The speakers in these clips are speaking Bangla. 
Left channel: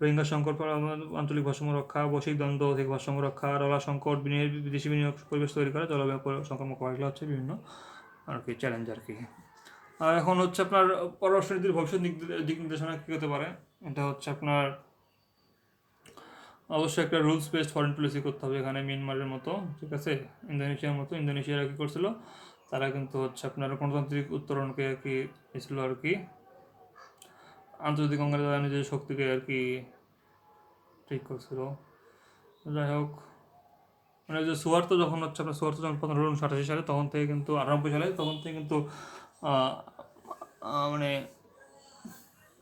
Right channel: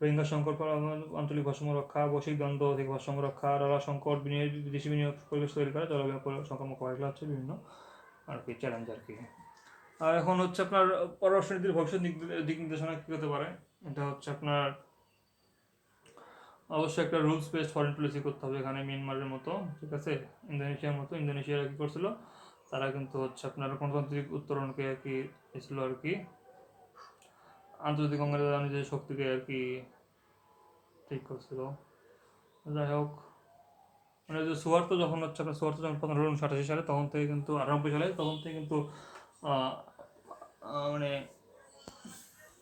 রোহিঙ্গা সংকট, আঞ্চলিক ভারসাম্য রক্ষা, বৈশ্বিক দ্বন্দ্ব থেকে ভারসাম্য রক্ষা, ডলার সংকট, বিদেশি বিনিয়োগ পরিবেশ তৈরি করা, জলবায়ু সংক্রামক মোকাবিলা হচ্ছে বিভিন্ন আর কি চ্যালেঞ্জ আর কি। আর এখন হচ্ছে আপনার পররাষ্ট্রনীতির ভবিষ্যৎ দিক নির্দেশনা কী হতে পারে, এটা হচ্ছে আপনার অবশ্যই একটা রুলস বেসড ফরেন পলিসি করতে হবে এখানে, মিয়ানমারের মতো, ঠিক আছে, ইন্দোনেশিয়ার মতো। ইন্দোনেশিয়ার কী করছিল, তারা কিন্তু হচ্ছে আপনার গণতান্ত্রিক উত্তরণকে আর কি এসেছিলো আর কি, আন্তর্জাতিক অঙ্গনে তারা নিজের শক্তিকে আর কি ঠিক করছিল। যাই হোক, মানে যে সুয়ার্তো যখন হচ্ছে আপনার সুয়ার্তো যখন 1588 সালে, তখন থেকে কিন্তু 98 সালে, তখন থেকে কিন্তু মানে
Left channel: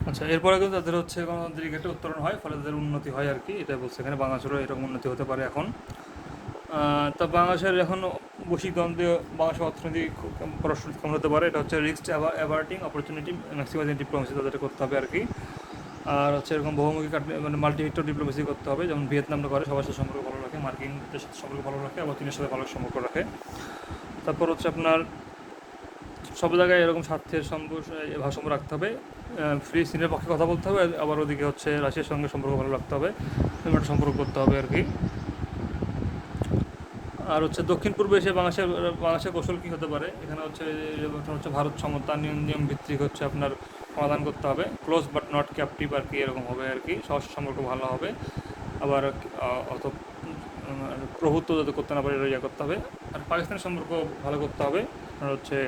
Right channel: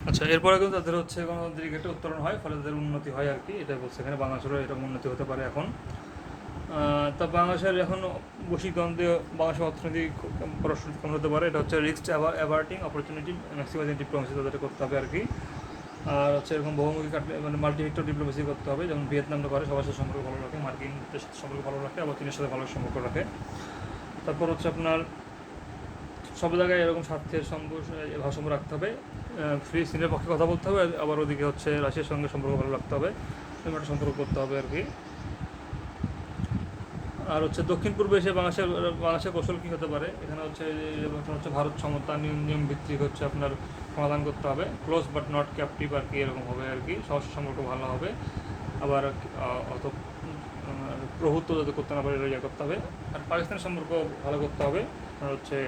আচ্ছা, এরপরে কিন্তু তাদের হচ্ছে গণতান্ত্রিক একটা উত্তরণ হয়, ফলে তাদের উন্নতি হয় আর কি, এটা বলছে এখানে। বাংলাদেশেরও এরকম উন্নতি হতে পারে এখন। তো বাংলাদেশের এখন বৈশ্বিক দ্বন্দ্বে বাংলাদেশের অর্থনীতি পররাষ্ট্র কেমন হতে পারে, এটা হচ্ছে রিস্ক অ্যাভার্টিং অপরচুনিটি ম্যাক্সিমাইজিং ডিপ্লোমেসি তাদের করতে হবে আর কি। আর হচ্ছে এরকম বহুমুখী মানে মাল্টিভেক্টর ডিপ্লোমেসি করতে হবে, যেমন ভিয়েতনামটা করে, সবার সাথে সম্পর্ক ভালো রাখে, মার্কিন সাথে সম্পর্ক ভালো রাখে, আবার চীনের সাথে ভালো সম্পর্ক রাখে। তারপর হচ্ছে আপনার সব জায়গায় এরকম স্বার্থের ভারসাম্য রাখতে হবে, চীনের পক্ষে কথা বলতে হবে, আবার ওদিকে হচ্ছে রাশিয়ার সঙ্গে সম্পর্ক ভালো রাখতে হবে, একটা সম্পর্ক করতে হবে আর কি। আর হচ্ছে দক্ষিণ পূর্ব এশিয়া বাংলাদেশের কৌশল কী হতে পারে, এখানে হচ্ছে ভারত সমতা নিয়ম ভিত্তিক হচ্ছে আপনার সমাধান করতে হবে, ক্লোজ বাট নট ক্যাপটিভ আর কি, এরকম হবে আর কি, সহজ সম্পর্ক ভালো হবে। আবার অত প্রভুত্ব যাতে করতে না পারে ইয়ে করতে হবে। আর পাকিস্তানের সম্পর্ক ভালো করতে হবে, আর হচ্ছে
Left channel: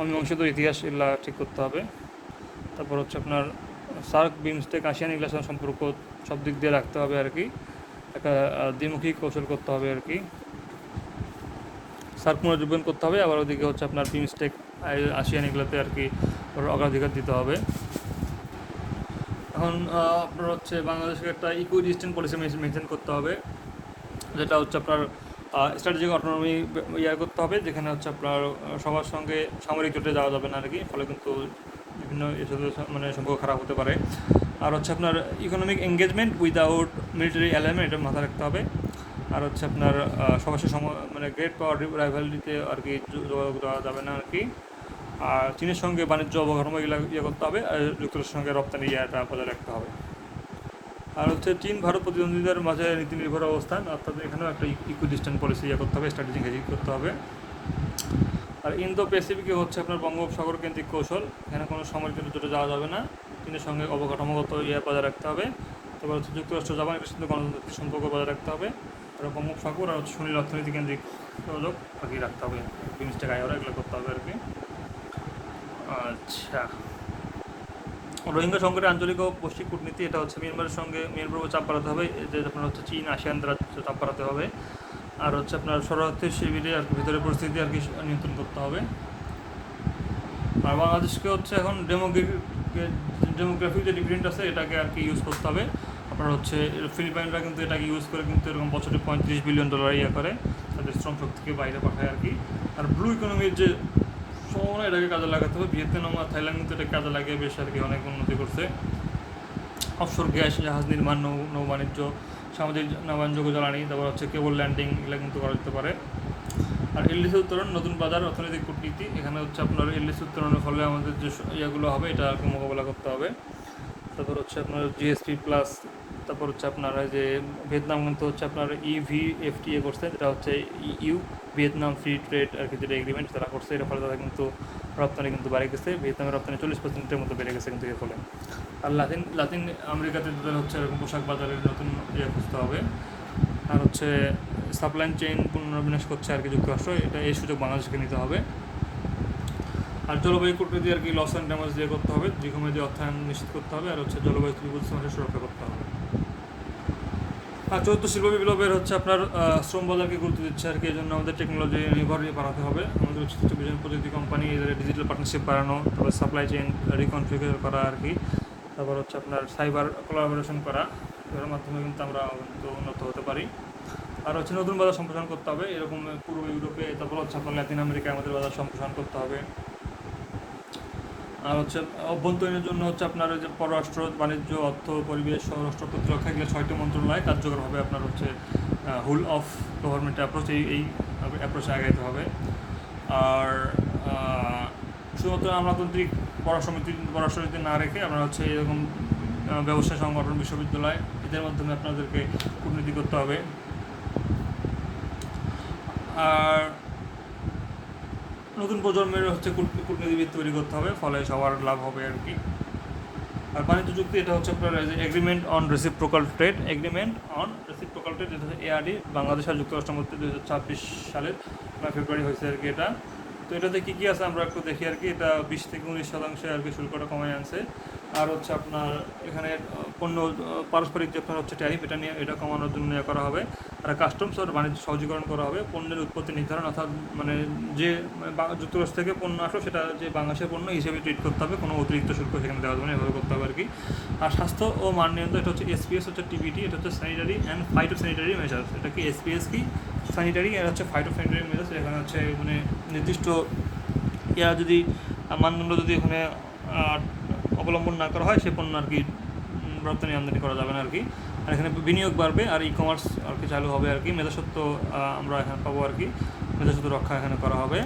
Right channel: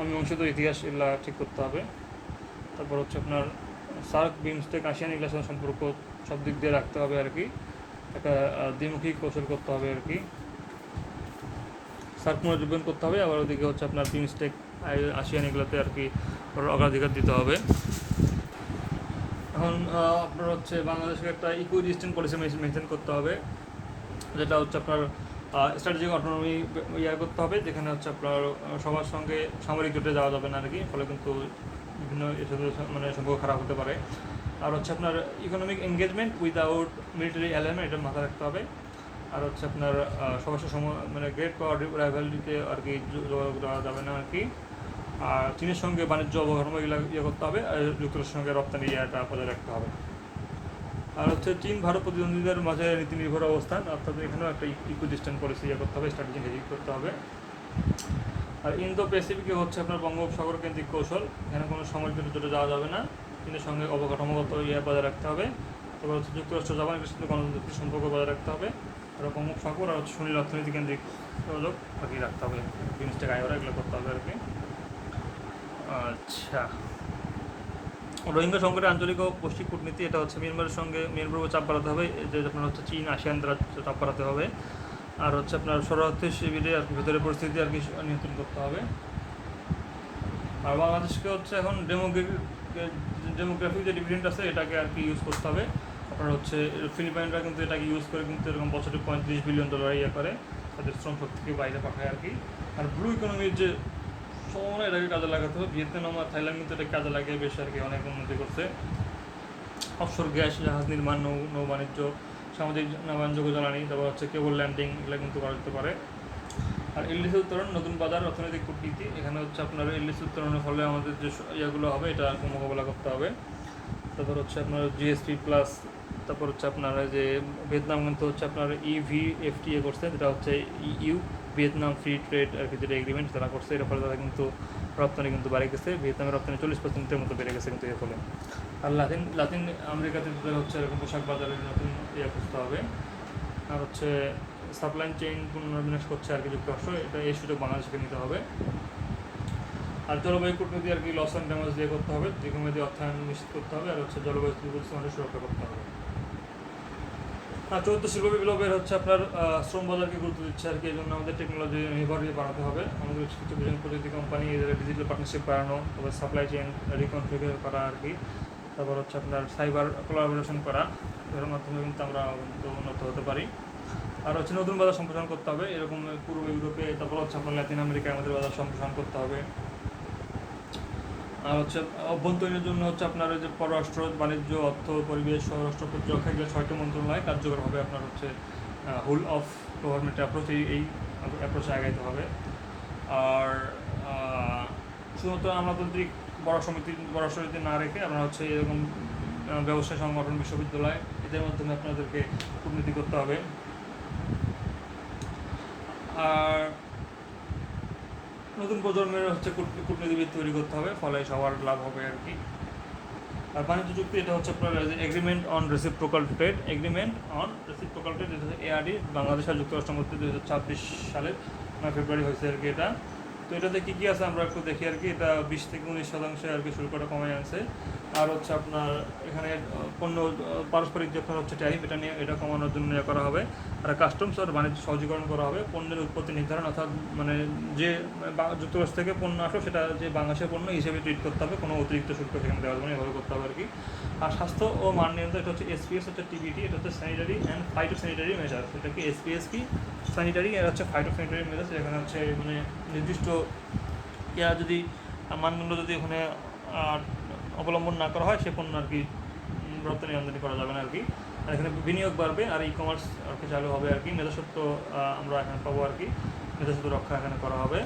অমীমাংসিত ইতিহাস এগুলা ঠিক করতে হবে। তারপর হচ্ছে আপনার সার্ক, বিমস্টেক, আসিয়ান এগুলোর সাথে সম্পর্ক সব দিক দিয়ে রাখতে হবে আর কি, একটা দ্বিমুখী কৌশল করতে হবে আর কি। সার্ক পুনরুজ্জীবন করতে হবে, আবার ওদিকে হচ্ছে আপনার বিমস্টেক, আসিয়ান এগুলোতে আর কি অগ্রাধিকার দিতে হবে। এখন আপনার হচ্ছে বাংলাদেশকে একটা ইকো ডিস্টেন্ট পলিসি মেনটেন করতে হবে, যেটা হচ্ছে আপনার স্ট্র্যাটেজিক অটোনমি করতে হবে, যেখানে হচ্ছে আপনার সবার সঙ্গে সামরিক জোটে যাওয়া যাবে না আর কি, ফলে কিন্তু বিভিন্ন মানে সম্পর্ক খারাপ হতে পারে। আর হচ্ছে আপনার economic engagement without military alignment, এটা মাথায় রাখতে হবে। আর হচ্ছে আপনার সবার সাথে মানে গ্রেট পাওয়ার রাইভালরিতে আর কি যোগাযোগ দেওয়া যাবে না আর কি। আর চীনের সঙ্গে বাণিজ্য অবকাঠামো এগুলো করতে হবে, আর যুক্তরাষ্ট্রের সঙ্গে রপ্তানি এটা বজায় রাখতে হবে। আর হচ্ছে চীন ভারত প্রতিদ্বন্দ্বীদের মাঝে নীতি নির্ভর অবস্থান, অর্থাৎ এখানেও একটা ইকো ডিস্টেন্ট পলিসি করতে হবে, স্ট্র্যাটেজি হেজিং করতে হবে। আর ইন্দো প্যাসিফিকে হচ্ছে আপনার বঙ্গোপসাগর কেন্দ্রিক কৌশল, এখানে কোনো সামরিক জোটে যাওয়া যাবে না, চীনের সঙ্গে অবকাঠামোগত বজায় রাখতে হবে। তারপর হচ্ছে যুক্তরাষ্ট্র জাপানের সাথে গণতান্ত্রিক সম্পর্ক বজায় রাখতে হবে, তারপর বঙ্গোপসাগর আর হচ্ছে সুনীল অর্থনীতি কেন্দ্রিক সহযোগ আর কি রাখতে হবে, বিমস্টেক আয়োরা এগুলো করতে হবে আর কি। আচ্ছা, রোহিঙ্গা সংকটের আঞ্চলিক ও বৈশ্বিক কূটনীতি, এটা হচ্ছে মিয়ানমারের উপর চাপ বাড়াতে হবে, যে আপনার হচ্ছে চীন আসিয়ান দ্বারা চাপ বাড়াতে হবে। আর হচ্ছে আপনার শরণার্থী শিবিরে আর কি ভিতরে পরিস্থিতি আর কি নিয়ন্ত্রণ করতে হবে। আর বাংলাদেশকে হচ্ছে এখন ডেমোগ্রাফিক যে ডিভিডেন্ড আছে এটাকে আর কি ইউজ করতে হবে। আপনার হচ্ছে ফিলিপাইনরা কিন্তু এটাকে ইউজ করে কিন্তু এরকম বছরে $35 বিলিয়ন করে, তাদের শ্রম শক্তিকে বাইরে পাঠায় আর কি। আর ব্লু ইকোনমির যে সম্ভাবনা, এটাকে কাজে লাগাতে হবে। ভিয়েতনাম আর থাইল্যান্ড কিন্তু এটাকে কাজে লাগিয়ে বেশ আর কি অনেক উন্নতি করছে। অফশোর গ্যাস, জাহাজ নির্মাণ, নৌ বাণিজ্য, সামাজিক নবায়নযোগ্য জ্বালানি, তারপর হচ্ছে কেবল ল্যান্ডিং, এগুলো কিন্তু করা যেতে পারে। আর এলডিসি উত্তোলন, নতুন বাজার, অর্থনৈতিক কূটনীতি, এখানে হচ্ছে আপনার এলডিসি উত্তোলনের ফলে আমাদের যে ইয়েগুলো হবে এটা আর কি মোকাবেলা করতে হবে। তারপর হচ্ছে আপনার জিএসপি প্লাস, তারপর হচ্ছে আপনার যে ভিয়েতনাম কিন্তু হচ্ছে আপনার ইভিএফটিএ করছে, যেটা হচ্ছে ইউ ভিয়েতনাম ফ্রি ট্রেড আর কি, যেটা এগ্রিমেন্ট তারা করছে, এর ফলে তারা কিন্তু রপ্তানি কিন্তু বাড়ে গেছে, ভিয়েতনামের রপ্তানি 40% মতো বেড়ে গেছে কিন্তু এর ফলে। আর লাতিন আমেরিকাতে হচ্ছে এরকম পোশাক বাজারের নতুন খুঁজতে হবে। আর হচ্ছে সাপ্লাই চেইন পুনর্বিন্যাস করছে আর কি যুক্তরাষ্ট্র, এটা এই সুযোগ বাংলাদেশকে নিতে হবে। আর জলবায়ু কূটনীতি আর কি লস অ্যান্ড ড্যামেজ দিয়ে করতে হবে, দীর্ঘমেয়াদী অর্থায়ন নিশ্চিত করতে হবে, আর হচ্ছে জলবায়ু পরিবর্তনের সুরক্ষা করতে হবে। আর চতুর্থ শিল্প বিপ্লবের হচ্ছে আপনার শ্রম বাজারকে গুরুত্ব দিচ্ছে আর কি, এই জন্য আমাদের টেকনোলজি নির্ভর বাড়াতে হবে, আমাদের বিভিন্ন প্রযুক্তি কোম্পানি এদের ডিজিটাল পার্টনারশিপ বাড়ানো, তারপর সাপ্লাই চেইন রিকনফিগার করা আর কি, তারপর হচ্ছে আপনার সাইবার কোলাবোরেশন করা, এর মাধ্যমে কিন্তু আমরা উন্নত হতে পারি। আর হচ্ছে নতুন বাজার সম্প্রসারণ করতে হবে, এরকম পুরো ইউরোপে, তারপর হচ্ছে আপনার ল্যাতিন আমেরিকায় আমাদের বাজার সম্প্রসারণ করতে হবে। আর হচ্ছে অভ্যন্তরীণের জন্য হচ্ছে আপনার যে পররাষ্ট্র, বাণিজ্য, অর্থ, পরিবেশ, স্বরাষ্ট্র, প্রতিরক্ষা, এগুলো 6টি মন্ত্রণালয় কার্যকরভাবে আপনার হচ্ছে হুল অফ গভর্নমেন্ট অ্যাপ্রোচ, এই অ্যাপ্রোচে আগাইতে হবে। আর শুধুমাত্র আমলাতান্ত্রিক পররাষ্ট্রনীতি না রেখে আমরা হচ্ছে এরকম ব্যবসায় সংগঠন, বিশ্ববিদ্যালয়, এদের মাধ্যমে আপনাদেরকে কূটনীতি করতে হবে। আর নতুন প্রজন্মের হচ্ছে কূটনীতিবিদ তৈরি করতে হবে, ফলে সবার লাভ হবে আর কি। আর বাণিজ্য চুক্তি এটা হচ্ছে আপনার agreement on reciprocal trade, agreement on reciprocal trade ARD Bangladesh আর যুক্তরাষ্ট্রের মধ্যে 2026 সালের ফেব্রুয়ারি হয়েছে আর কি এটা। তো এটাতে কী কী আছে আমরা একটু দেখি আর কি। এটা 20 থেকে 19% আর কি শুল্কটা কমে আছে। আর হচ্ছে আপনার এখানে পণ্য পারস্পরিক যে আপনার হচ্ছে ট্যারিফ, এটা কমানোর জন্য করা হবে। আর কাস্টমস আর বাণিজ্য সহজীকরণ করা হবে। পণ্যের উৎপত্তি নির্ধারণ, অর্থাৎ মানে যে যুক্তরাষ্ট্র থেকে পণ্য আসো সেটা যে বাংলাদেশের পণ্য হিসেবে ট্রিট করতে হবে, কোনো অতিরিক্ত শুল্ক সেখানে দেওয়া যাবে না, এভাবে করতে হবে আর কি। আর স্বাস্থ্য ও মান নিয়ন্ত্রণ, এটা হচ্ছে এসপিএস, হচ্ছে টিবিটি, এটা হচ্ছে sanitary and phyto sanitary measures. এটা কি এসপিএস কি স্যানিটারি, আর হচ্ছে ফাইটো স্যানিটারি মেজার্স। এখানে হচ্ছে মানে নির্দিষ্ট যদি মানদণ্ড যদি এখানে অবলম্বন না করা হয়, সে পণ্য আর কি রপ্তানি আমদানি করা যাবে না আর কি। আর এখানে বিনিয়োগ বাড়বে, আর ই কমার্স আর কি চালু হবে আর কি। মেধাস্বত্ব আমরা এখানে পাবো আর কি, মেধাস্বত্ব রক্ষা এখানে করা হবে।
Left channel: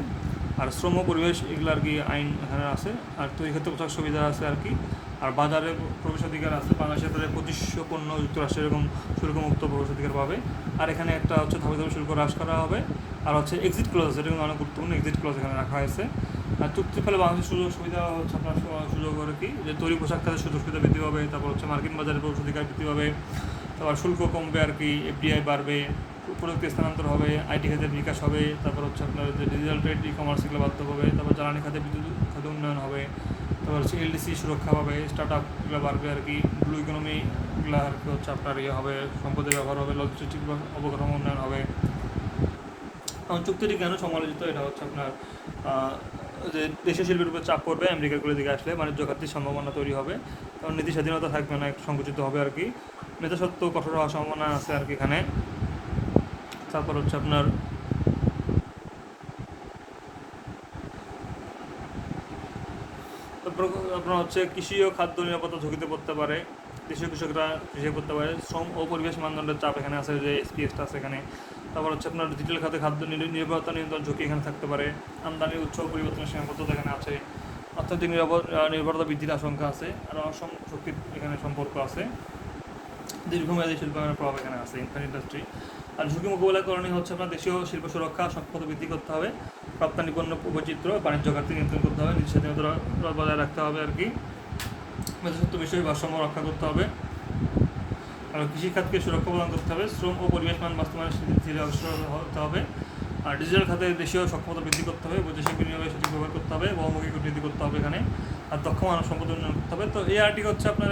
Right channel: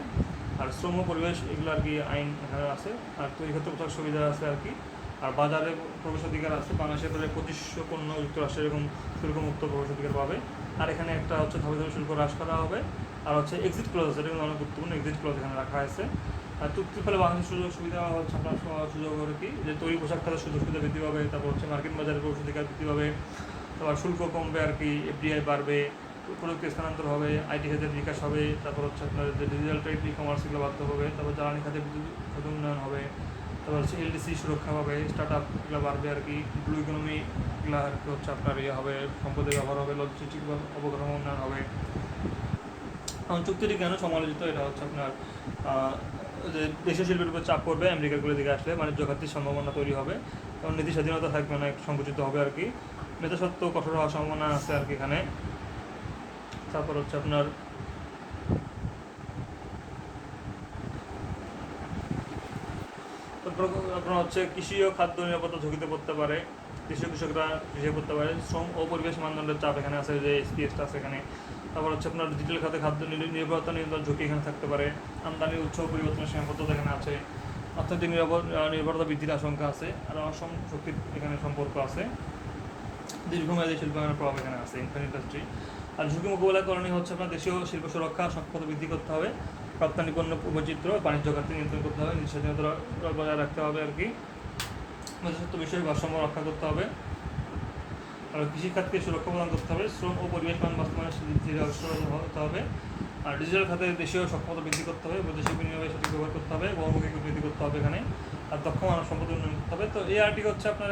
আর শ্রম পরিবেশ এগুলো আর কি আইন এখানে আছে। আর তৈরি ক্ষেত্রে পোশাক সুবিধা আছে আর কি। আর বাজারে প্রবেশাধিকার আছে, বাংলাদেশের প্রায় 2500 পণ্য যুক্তরাষ্ট্রে এরকম শুল্কমুক্ত প্রবেশাধিকার পাবে। আর এখানে একটা হচ্ছে ধাপে ধাপে শুল্ক হ্রাস করা হবে। আর হচ্ছে এক্সিট ক্লজ আছে, এটা কিন্তু অনেক গুরুত্বপূর্ণ, এক্সিট ক্লজ এখানে রাখা হয়েছে। আর চুক্তির ফলে বাংলাদেশের সুযোগ সুবিধা হচ্ছে আপনার সুযোগ আর কি, যে তৈরি পোশাক খাতের সুযোগ সুবিধা বৃদ্ধি পাবে। তারপর হচ্ছে মার্কিন বাজারে প্রবেশাধিকার বৃদ্ধি পাবে। তারপর শুল্ক কমবে আর কি, এফডিআই বাড়বে, প্রযুক্তি স্থানান্তর হবে, আইটি খাতের বিকাশ হবে। তারপর হচ্ছে আপনার যে ডিজিটাল ট্রেড, ই কমার্স এগুলো বাড়তে হবে। তারপর জ্বালানি খাতে বিদ্যুৎ খাতে উন্নয়ন হবে। তারপর হচ্ছে এলডিসি সুরক্ষা পাবে, স্টার্ট আপগুলো বাড়বে আর কি। ব্লু ইকোনমিগুলো আর কি হচ্ছে আপনার ইয়ে হবে, সম্পদের ব্যবহার হবে, লজিস্টিক অবকাঠামো উন্নয়ন হবে। চুক্তিটি কেন সমালোচিত, এটা হচ্ছে আপনার যে দেশের শিল্পের উপর চাপ পড়বে আমেরিকাগুলোর দিকে আসলে, বাণিজ্য খাতের সম্ভাবনা তৈরি হবে, কারণ নীতি স্বাধীনতা থাকবে না, একটু সংকুচিত হবে আর কি। নেতা সত্ত্বেও কঠোর হওয়ার সম্ভাবনা আছে আর কি এখানে। তারপর হচ্ছে আপনার আপনার হচ্ছে কৃষি ও খাদ্য নিরাপত্তা ঝুঁকিতে পড়তে পারে, কৃষকরা কৃষি করতে পারে। শ্রম ও পরিবেশ মানদণ্ডের চাপ এখানে আছে, যে এসপিএসটা আছে এখানে। তারপর হচ্ছে আপনার ডিজিটাল খাতে খাদ্য নির্ভরতা নিয়ন্ত্রণ ঝুঁকি এখানে থাকতে পারে। আমদানির উৎস পরিবর্তনের সীমাবদ্ধতা এখানে আছে। অর্থনৈতিক নির্ভরতা বৃদ্ধির আশঙ্কা আছে। আর অসম শক্তির এখানে সম্পর্ক আছে। দীর্ঘমেয়াদী শিল্পায়নের প্রভাব এখানে আছে, ইনফ্রাস্ট্রাকচার ইন্ডাস্ট্রি। আর ঝুঁকি মোকাবেলা করণীয় হচ্ছে আপনার দেশীয় শিল্প সুরক্ষা সক্ষমতা বৃদ্ধি করতে হবে, রপ্তানি পণ্য বৈচিত্র্য, বাণিজ্য ঘাটতি নিয়ন্ত্রণ করতে হবে, নিজের স্বাধীনতা বজায় রাখতে হবে আর কি। মেধাস্বত্ব বিষয়ে ভারসাম্য রক্ষা করতে হবে। আর কৃষিখাতকে সুরক্ষা প্রদান করতে হবে। শ্রম ও পরিবেশ মান বাস্তবায়নের ধীরে অগ্রসর হতে হবে। আর ডিজিটাল খাতে দেশীয় সক্ষমতা বৃদ্ধি করতে হবে, বৈদেশিক বিনিয়োগের সঠিক ব্যবহার করতে হবে, বহুমুখী কূটনীতি করতে হবে এখানে। আর দক্ষ মানব সম্পদ উন্নয়ন করতে হবে। তো এই আর্টিকে হচ্ছে আপনার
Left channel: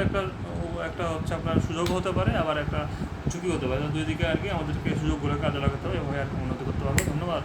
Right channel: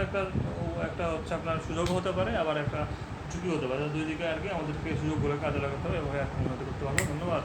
একটা হচ্ছে আপনার সুযোগ হতে পারে, আবার একটা ঝুঁকি হতে পারে। দুই দিকে আর কি আমাদেরকে সুযোগ ঘুরে কাজে লাগাতে হবে, এভাবে আর কি উন্নতি করতে পারবো। ধন্যবাদ।